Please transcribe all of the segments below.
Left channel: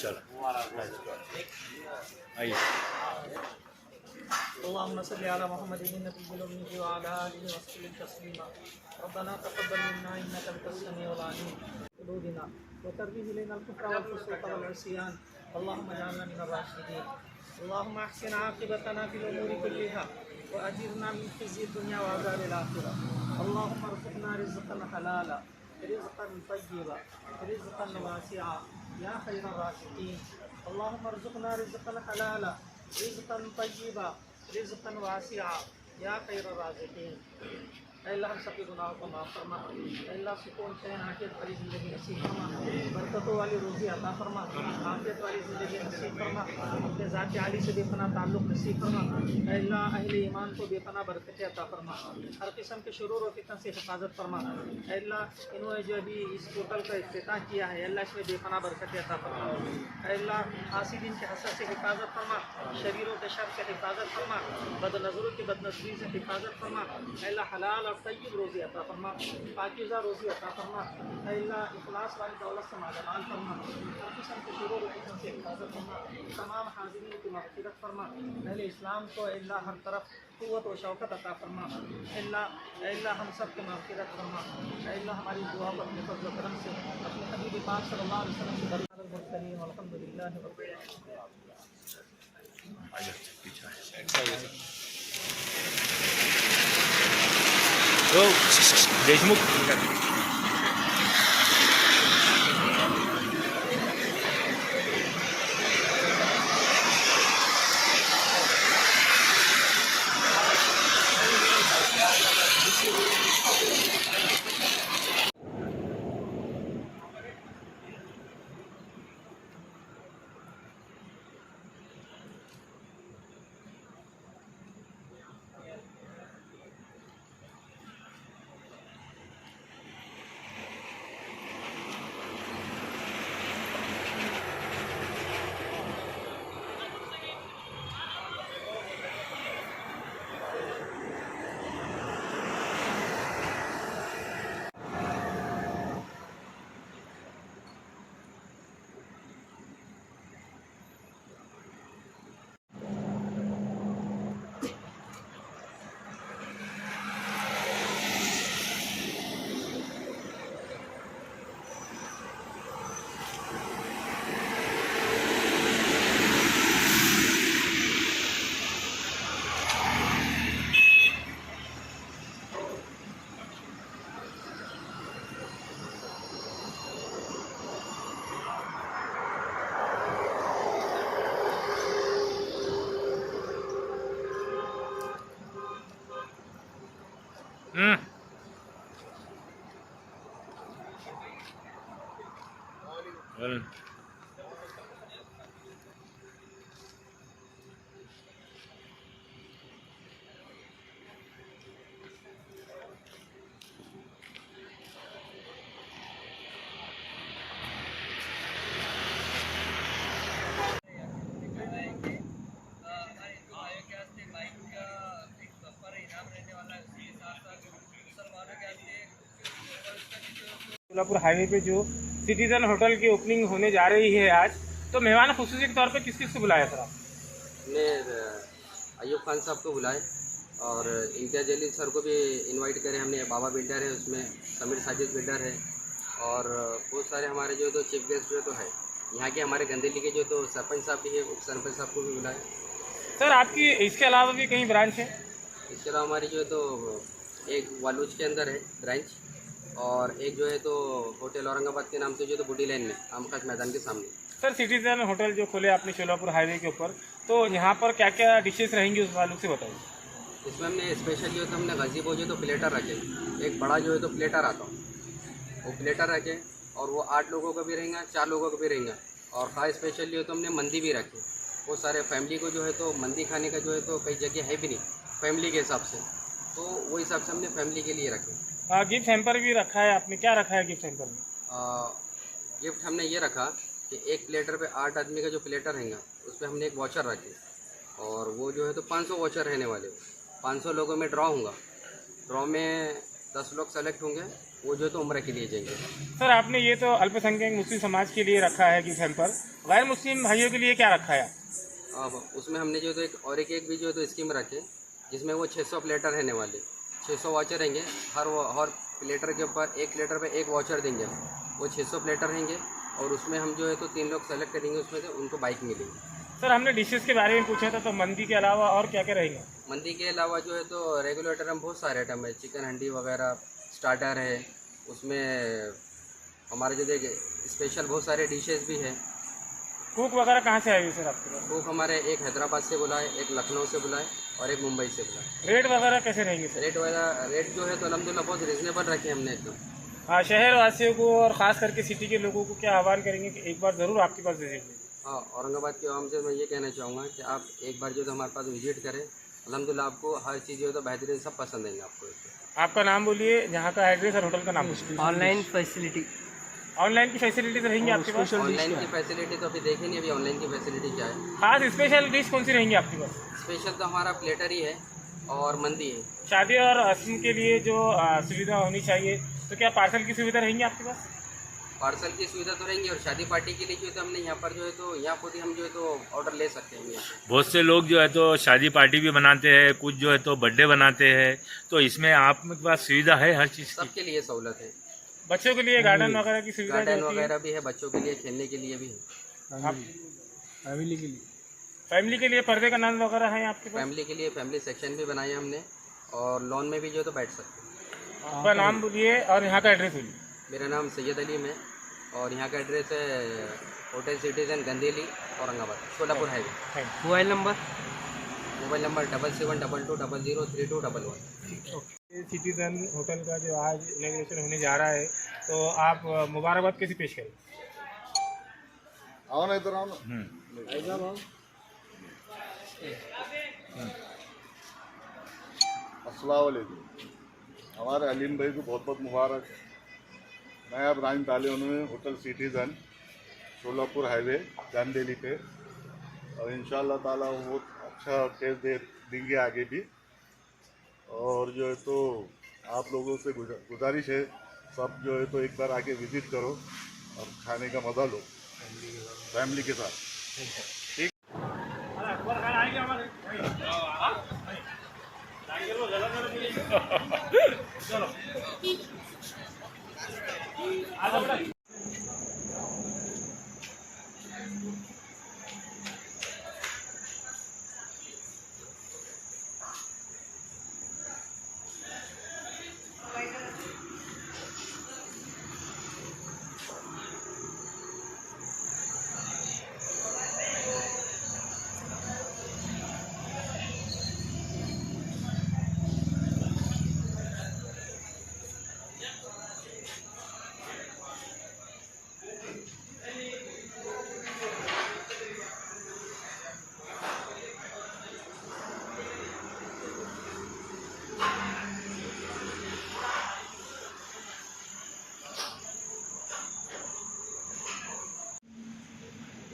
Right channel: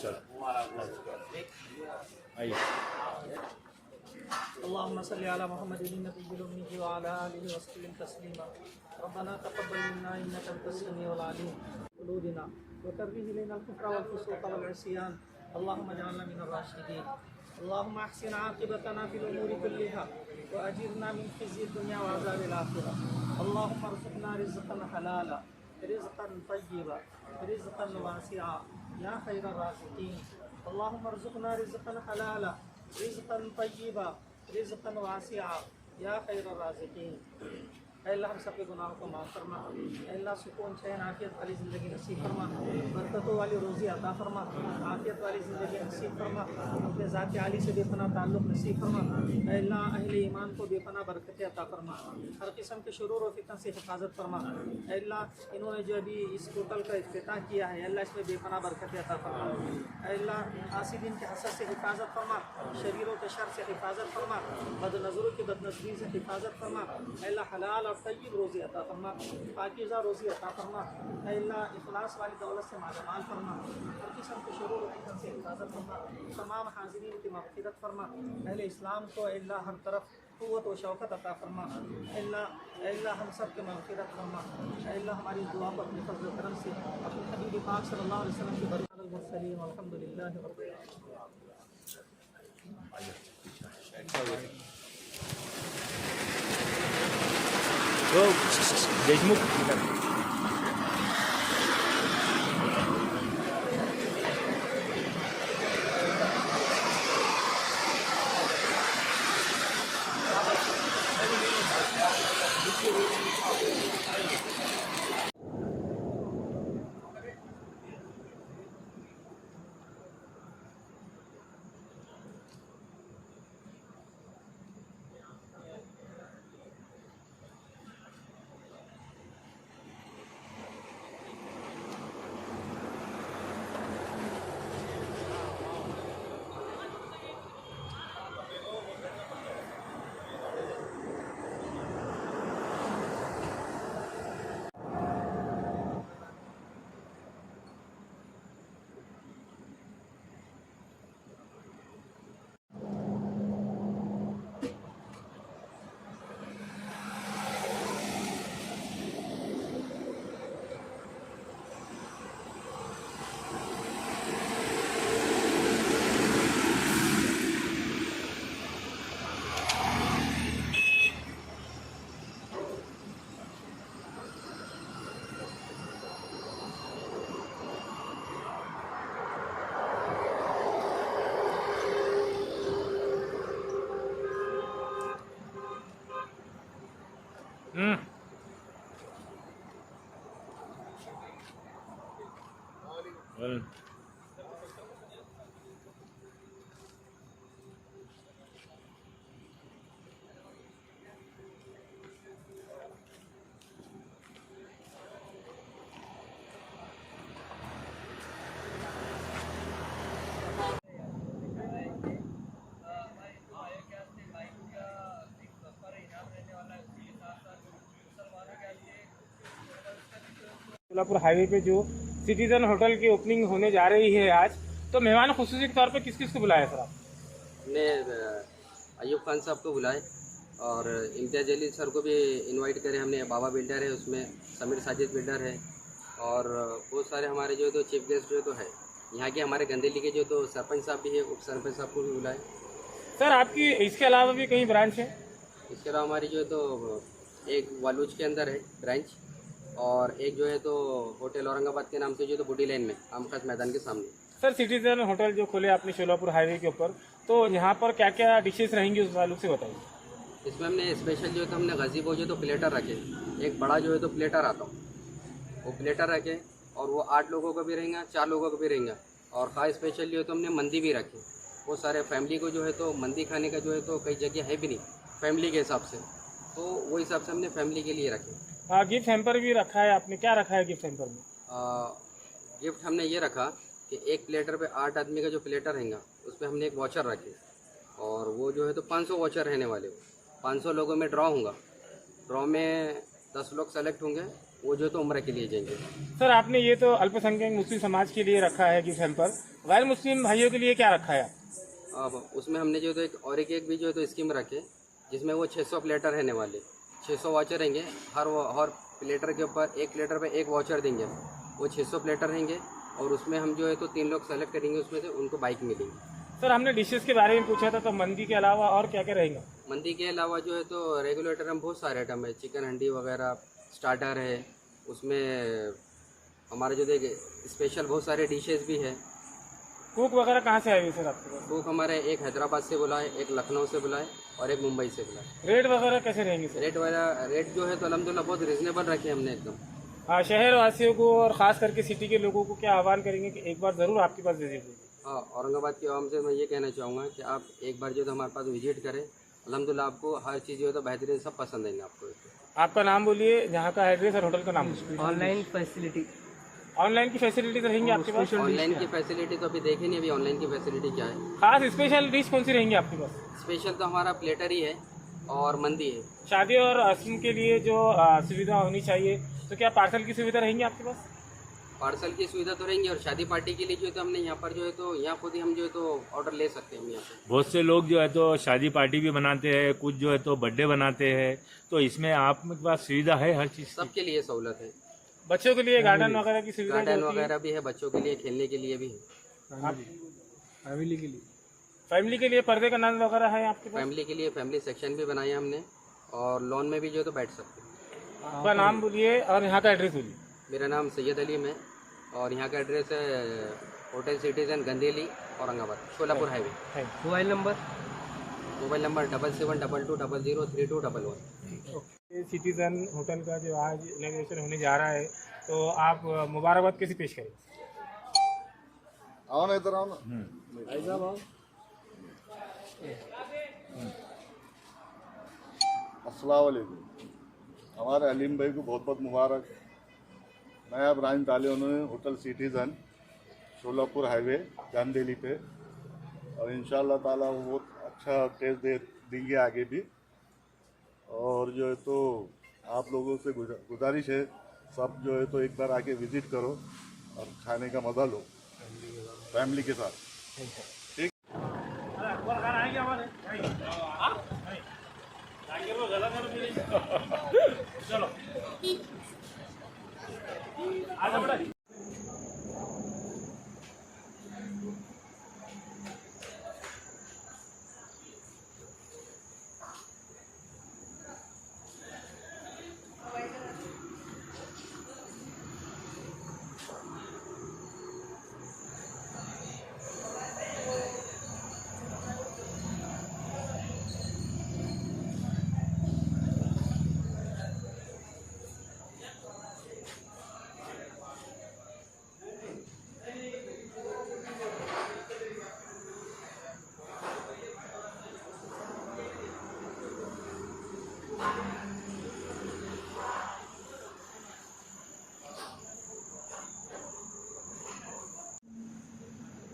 चलो आइए। अल्लाहुम्मा सल्लि अला मुहम्मदिन नबिय्यिल उम्मी व अला आलिहि व सल्लिम तस्लीमा। रब्बना तक़ब्बल मिन्ना इन्नका अंतस समीउल अलीम क़ुलूबिना व कर्रिह इलैनल कुफ्रा वल फुसूक़ वल इस्यान। अल्लाहुम्मा जअलना मिनर राशिदीन। अल्लाहुम्मा अहसिन आक़िबतना फिल उमूरि कुल्लिहा व अजिरना मिन ख़िज़्यि दुन्या व अज़ाबिल आख़िरह। अल्लाहुम्मा अर्ज़ुक़ना रिज़्क़न हलाला रिज़्क़न तय्यिबा रिज़्क़न वासिआ या खैरर राज़िक़ीन। अल्लाहुम्मा अर्ज़ुक़ना रिज़्क़न हलाला रिज़्क़न तय्यिबा रिज़्क़न वासिआ या खैरर राज़िक़ीन। अल्लाह हम सबके गुनाहों को माफ़ फरमा। अल्लाह सुकून चैन आफियत वाली ज़िंदगी नसीब फरमा, बरकतों वाली रोज़ी अता फरमा, आफियत वाली ज़िंदगी नसीब फरमा, अपने ज़ात आली से बेपना ताल्लुक़ नसीब फरमा। अल्लाह अहले ईमान को बेपना बरकतें अता फरमा, हर किस्म के शुरूर और फितन से हिफाजत फरमा। अल्लाह इन्होंने जो अभी इस पोर्टल का इफ्तिताह किया है, अल्लाह इसमें बेपना बरकतें अता फरमा। अल्लाह हासिदीन के हसद से हिफाजत फरमा, शरीरों के शर से हिफाजत फरमा, बदनज़रों की बदनज़री से हिफाजत फरमा। अल्लाह हलाल और तय्यब रोज़ी अता फरमा, पाकीज़ा रोज़ी अता फरमा। अल्लाह इखलास वाली दौलत से मालामाल फरमा, हर किस्म के शुरूर और फितन से हिफाजत फरमा। तमाम हाज़िरीन की मग़फ़िरत फरमा। अहले इस्लाम को अल्लाह हर तरफ क़ुव्वत व शौक़त अता फरमा। अल्लाह हम सब की मग़फ़िरत फरमा। अल्लाह हमारी दुआ को अपने फज़ल व करम से अपने हबीब पाक सल्लल्लाहु अलैहि वसल्लम से बरकत मुरसलीन अल्हम्दुलिल्लाहि रब्बिल आलमीन। तो देशमुख सोलापुर हाईवे पे जो सिटीजन होटल की ओपनिंग होने जा रही है आज, तो मेहमान खुसूसी के तौर पे किस किस को बुलाया सर आप? हमने अयूब खान साहब को बुलाए और इम्तियाज़ जलील सर को भी इनवाइट करे हमने। बाबा बिल्डर है, उसमें समीर साजिद बिल्डर है और बहुत सारे हमारे जो है तो चीफ गेस्ट जो तो है यहाँ के हमारे गंदेली के जो तो सरपंच साहब भी है, उप सरपंच साहब को भी बुलाए। सर आपकी इसके अलावा भी कहीं ब्रांच है? इसके अलावा हमारी जो है तो एक वालूज के अंदर है ब्रांच और एक जो है तो होटल औरंगाबाद के नाम से जो तो बूटी लाइन में आमखास मैदान के सामने। सर सिटीजन होटल जो खोले आपने सोलापुर हाईवे के ऊपर, तो यहाँ पर क्या क्या डिशेस रहेंगी उस वालों से बताइए। इसमें हमने स्पेशल जो है तो हमने गज़ीबो जो तो प्लेटर रखे, एक बड़ा जो है तो प्लेटर आता हूँ वो प्लेटर रखे और वो 8 लोगों का भी रहेगा, 4 लोगों का भी रहेगा। और खास स्पेशल जो है तो हमने मंदी भी रखे। वो सारे फैमिली को जो है तो मंदी खाने का जो है तो कई जगह है भी नहीं फैमिली के हिसाब से, तो वो हिसाब से हमने फैमिली के लिए रखे। गिफ्ट हैम्पर भी रखा है आपने, क्या रखा है गिफ्ट हैम्पर में? गिफ्ट हमने ये रखा कि एक प्लेटर पे 8 आदमी का जो प्लेटर रहेगा उस पर हमने एक वॉचर रखे और वो जो है तो 500 वॉचर रहने वाले। 500 लोगों में ड्रॉ होगा, ड्रॉ में 10 लोग सेलेक्ट होंगे, वो जो तो उम्र के लिए जाएंगे। सर आपने ये तो अल्पसंख्यक मुस्लिम समाज के लिए रखा है कि सैंपल, गैर मुस्लिम भाइयों के लिए क्या रखा है? अब उसमें हमने जो तो एक भी जो तो स्कीम रखे, जिसमें वो 600 प्लेटर रहने वाले, 600 वाचर रहेंगे। हर प्लेटर के ऊपर, एक प्लेटर पे एक वाचर देंगे। वो 600 प्लेटर रहेंगे और उसमें हम जो है तो 3 लोग सेलेक्ट करेंगे, उसमें से उनको बाइक मिलेंगी। सर हमने डिशेस के बारे में पूछा था, तो मंदी के अलावा और क्या क्या रहेंगे? मंदी के अलावा जो है तो रेगुलर आइटम बहुत सारे आइटम है, चिकन हंडी वगैरह, स्टार्टर है, उसमें हमारे जो देख स्पेशल बहुत सारे डिशेस भी है। कुक वगैरह कहाँ से आएगी सर आपके पास? कुक हमारे एक हैदराबाद से बुलाए, एक लखनऊ से बुलाए और एक मुंबई से बुलाए। रेट वगैरह कैसे रहेंगे सर? रेट जो है तो अलहमदुलिल्लाह बहुत रिजनेबल रखे हमने एकदम। हाँ, शहर वासियों को और ख़ास करके सिटी के लोगों को क्या आह्वान करेंगे कि एक बार ज़रूर आपके पास विजिट करें? हाँ, औरंगाबाद के आवाम से मैं ये कहना चाहूँगा कि आप एक बार जो तो हमारे पास विजिट करें। अल्हम्दुलिल्लाह आपको हर चीज़ जो है तो बेहतरीन सब पसंद आएंगे आपको। आपका नाम बोलिए, जहाँ का एड्रेस और होटल का नाम। ऑनलाइन फैसिलिटी, ऑनलाइन की फैसिलिटी तो रहेंगी आपके पास? ऑनलाइन की फैसिलिटी तो अभी देखे नहीं, अभी ऑनलाइन की फैसिलिटी क्या है। खास स्पेशल डिश कौन सी रहेंगी आपके पास? स्पेशल तो हमारा प्लेटर ही है और मंदी है। शादी और रस्म के लिए जो सुविधा होनी चाहिए, तो क्या पार्सल की सुविधा रहेंगी आपके पास? पार्सल की सुविधा तो रहेंगी और शादी पार्टी के लिए जो है तो हमने यहाँ पर जो है तो यहाँ खुद ही हम जो है तो ऑर्डर ले सकते हैं हम यहाँ पे। बहुत से लोग जो है तो शादी पार्टी भी बनाते हैं, कुछ जो है तो बर्थडे बनाते हैं, तो इसमें आपके पास सुविधा है हर चीज़ की? सबके लिए सहूलत है। बच्चों के लिए गार्डन वगैरह की सुविधा गार्डन जो होती है? वगैरह भी है, बच्चों के लिए खेलने के लिए भी है। फैमिली के लिए पर्दे का नाम वगैरह है आपके पास? फैमिली के लिए फैमिली सेक्शन भी बनाया हमने और लॉन में भी जो है तो बैठ सकते हैं। आपका नाम बोलिए और यहाँ का एड्रेस बोलिए। मेरा नाम सैयद अलीम है और यहाँ का एड्रेस है hotel citizen Gandeli, Aurangabad, Sholapur highway. Mobile number 770000003211। Citizen hotel का जो आज इनॉग्रेशन होने जा रहा है, तो आप मुबारकबाद कैसे पेश करें? आओ ना इधर आओ ना। अस्सलाम वालेकुम। हमारे अलीम भाई को बहुत बहुत मुबारक। नया ब्रांच डाले उन्होंने होटल सिटीजन शोलापुर हाईवे गांधीली पे, और इंशाल्लाह ताला वो बहुत अच्छा टेस्ट देंगे आगे भी। और जो है तो आप लोगों से गुजारिश है, सब जो है तो एक बार आके विजिट करो और खाने का मज़ा लो फैमिली के साथ। ठीक।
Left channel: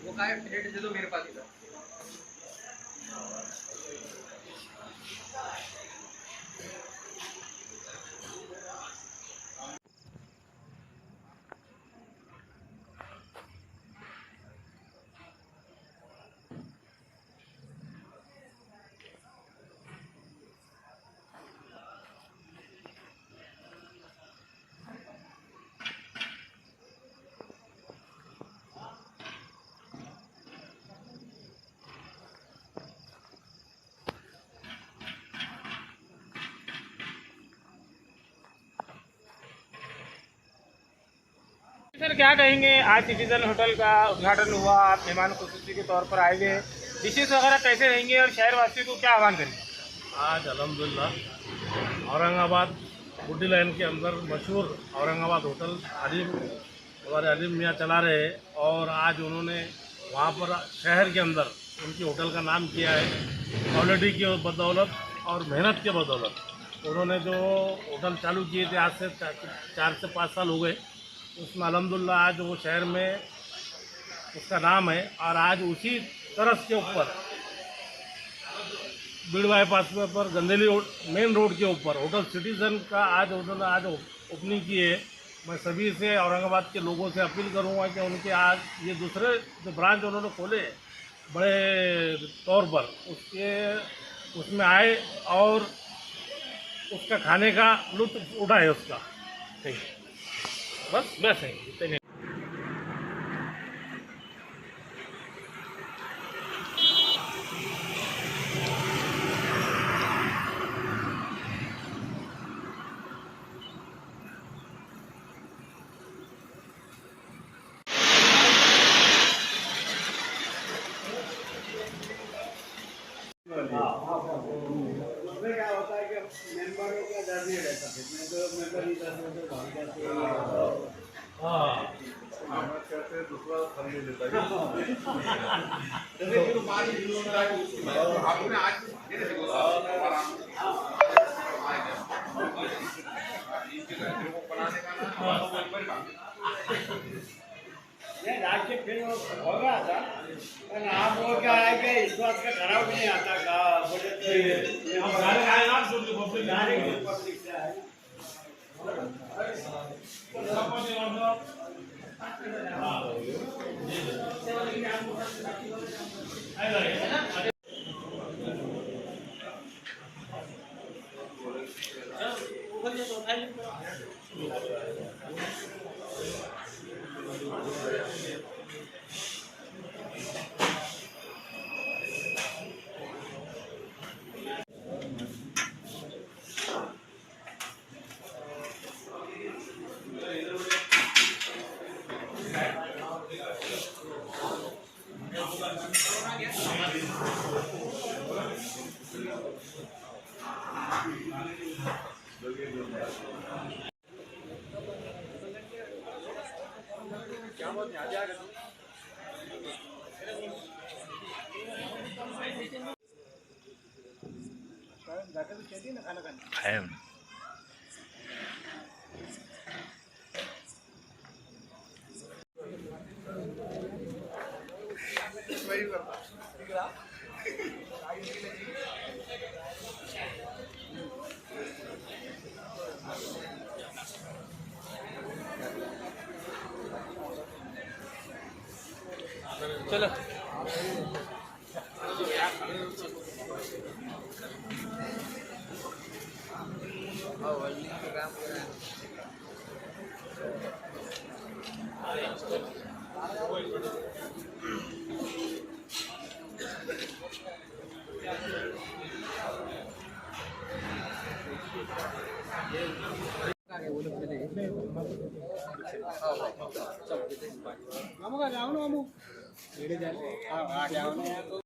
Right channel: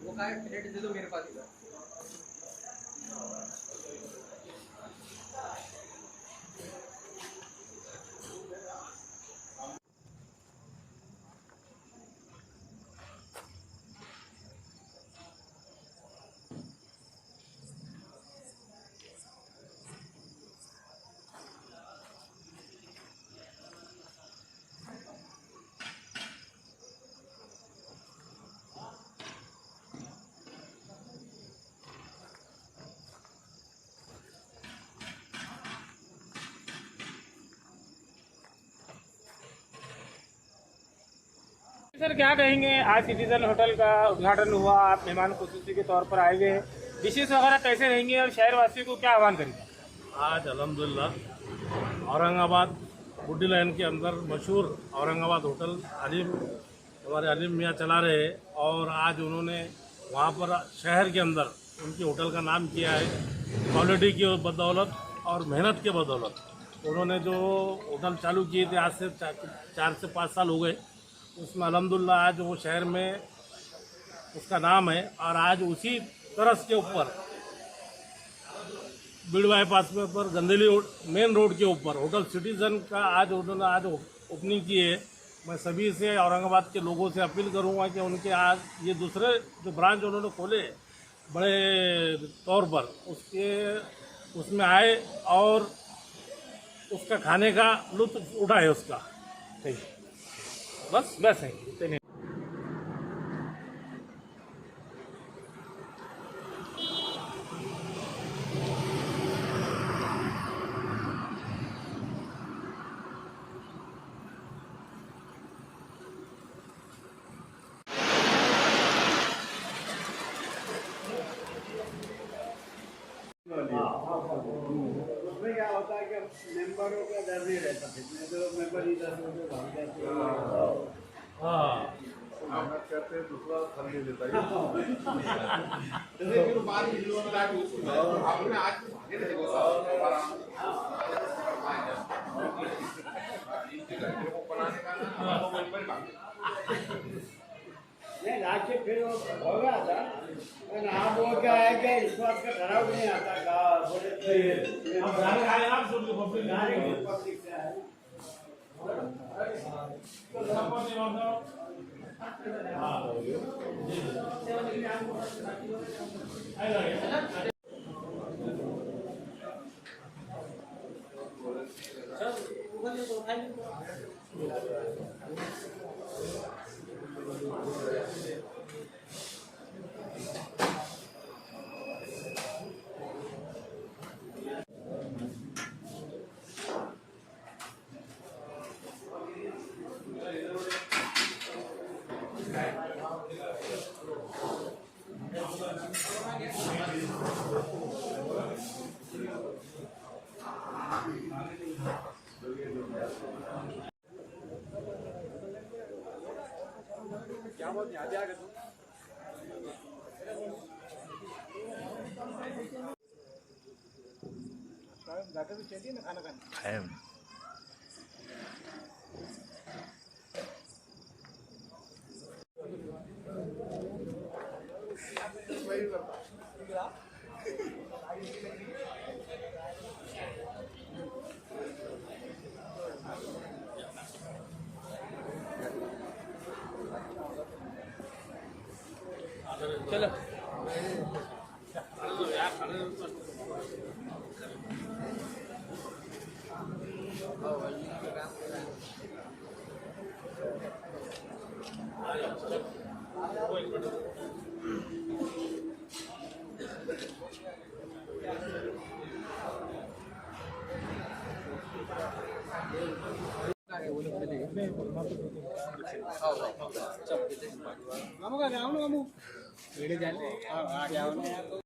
वो का प्लेट दे दो मेरे पास इधर। सर क्या कहेंगे, आज सिटीजन होटल का उद्घाटन हुआ, आप मेहमान खुसूसी के तौर पर आए हुए हैं, डिशेस वगैरह कैसे रहेंगे और शहर वासियों को क्या आह्वान करेंगे? आज अल्हम्दुलिल्लाह औरंगाबाद बुड्डी लाइन के अंदर मशहूर औरंगाबाद होटल अलीम, हमारे अलीम मियाँ चला रहे हैं, और आज उन्होंने वहाँ पर शहर के अंदर उनकी होटल का नाम किया है। क्वालिटी की बदौलत और मेहनत के बदौलत उन्होंने जो होटल चालू किए थे आज से 4 से 5 साल हो गए, उसमें अल्हम्दुलिल्लाह आज वो शहर में उसका नाम है। और आज उसी तरस के ऊपर बीड़ बाईपास पर गंदेली मेन रोड के ऊपर होटल सिटीजन का आज ओपनिंग की है। मैं सभी से औरंगाबाद के लोगों से अपील करूंगा कि उनके आज ये दूसरे जो ब्रांच उन्होंने खोले बड़े तौर पर उसमें आए और उसका खाने का लुत्फ उठाए उसका। ठीक है, बस है इतने। उसमें क्या होता है कि मेंबरों का डर नहीं रहता, जितने जो मेंबर ही दस में भाग जाते हैं। हाँ, कहते हैं दूसरा फल नहीं देता है। नहीं राष्ट्रीय फिर हो गया था, लेकिन आप लोग क्या है कि इस बात का खराब नहीं आता का बोले तो अब गाने आए आप सुन लो पब्लिक पब्लिक से है। खाया हमने। नमक जाओ ना